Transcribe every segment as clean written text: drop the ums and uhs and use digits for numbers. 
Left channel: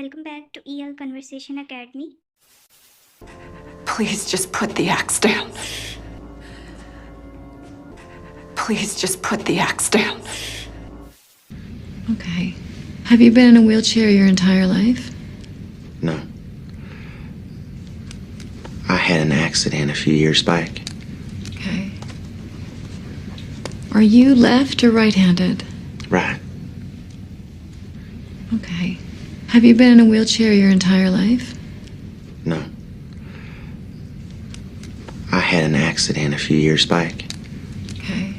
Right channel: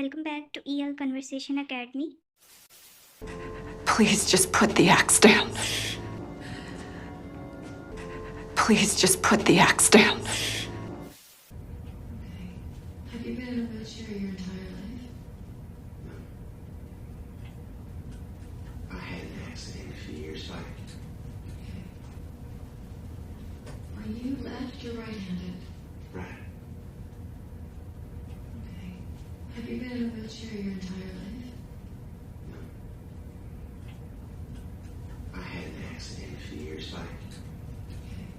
welcome back to EL Conversation Academy. Please just put the axe down. Please just put the axe down. Okay. Have you been in a wheelchair your entire life? No. I had an accident a few years back. Okay. Are you left or right-handed? Right. Okay. Have you been in a wheelchair your entire life? No. I had an accident a few years back. Okay.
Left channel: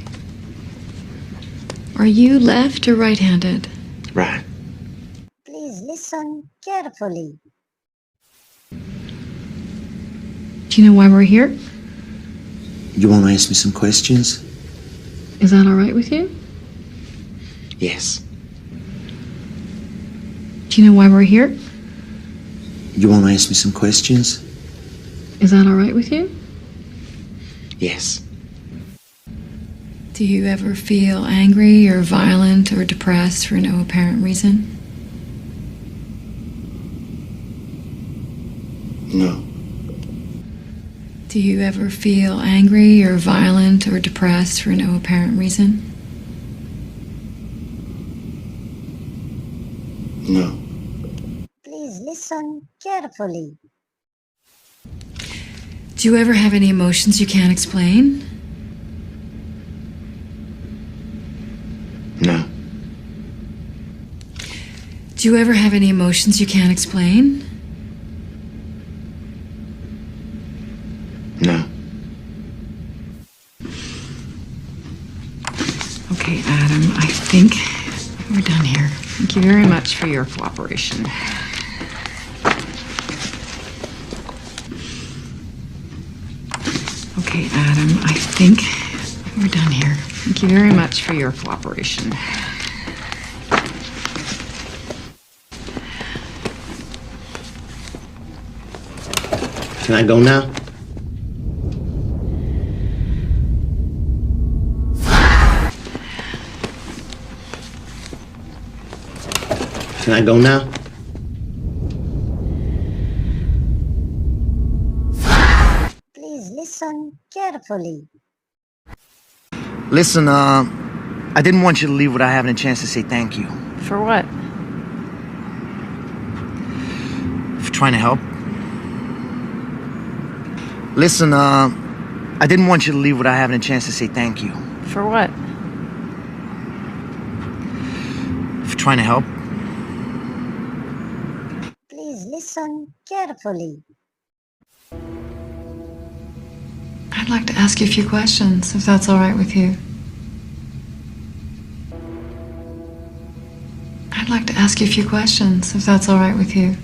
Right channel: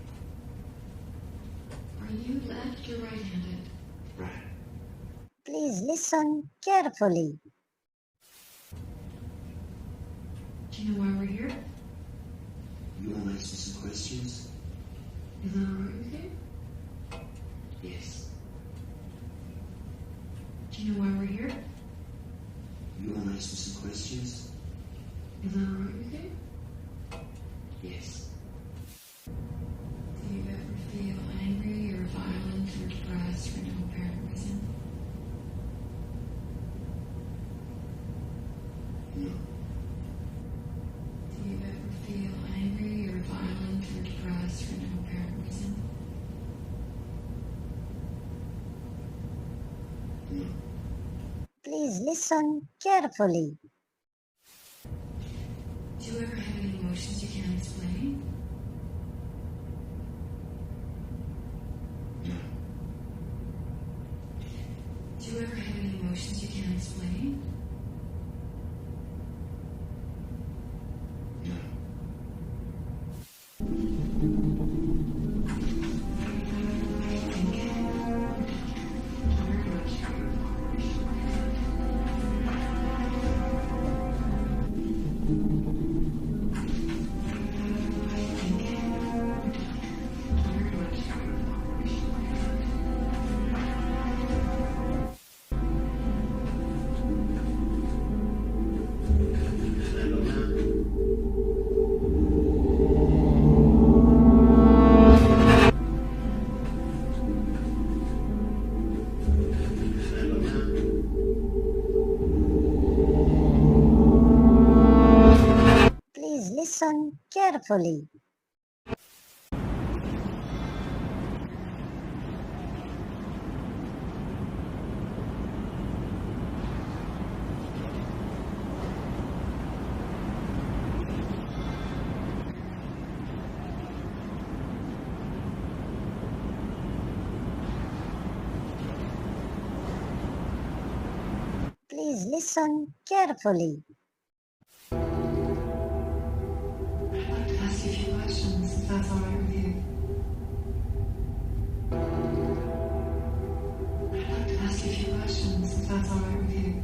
Are you left or right-handed? Right. Please listen carefully. Do you know why we're here? You want to ask me some questions? Is that all right with you? Yes. Do you know why we're here? You want to ask me some questions? Is that all right with you? Yes. Do you ever feel angry or violent or depressed for no apparent reason? No. Do you ever feel angry or violent or depressed for no apparent reason? No. Please listen carefully. Do you ever have any emotions you can't explain? No. Do you ever have any emotions you can't explain? No. Okay, Adam, I think we're done here. Thank you very much for your cooperation. Okay, Adam, I think we're done here. Thank you very much for your cooperation. Can I go now? Can I go now? Please listen carefully. Listen, I didn't want you to leave without having a chance to say thank you. For what? For trying to help. Listen, I didn't want you to leave without having a chance to say thank you. For what? For trying to help. Please listen carefully. I'd like to ask you a few questions, if that's all right with you. I'd like to ask you a few questions, if that's all right with you.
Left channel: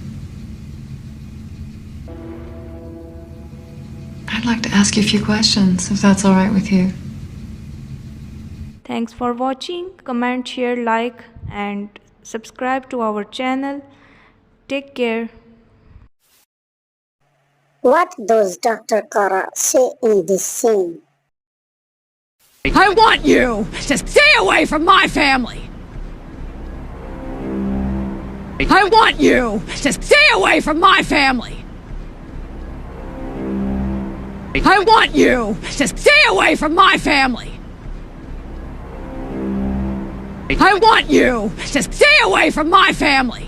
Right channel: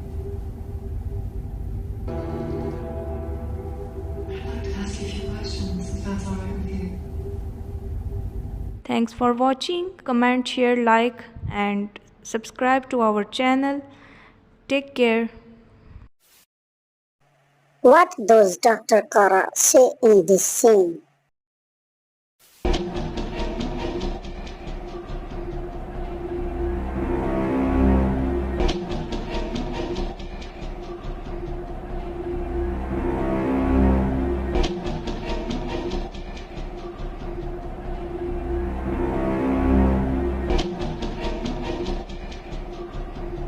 I'd like to ask you a few questions, if that's all right with you. Thanks for watching. Comment, share, like and subscribe to our channel. Take care. What does Dr. Kara say in this scene? I want you to stay away from my family. I want you to stay away from my family. I want you to stay away from my family. I want you to stay away from my family.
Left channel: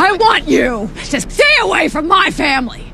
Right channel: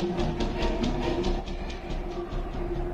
I want you to stay away from my family.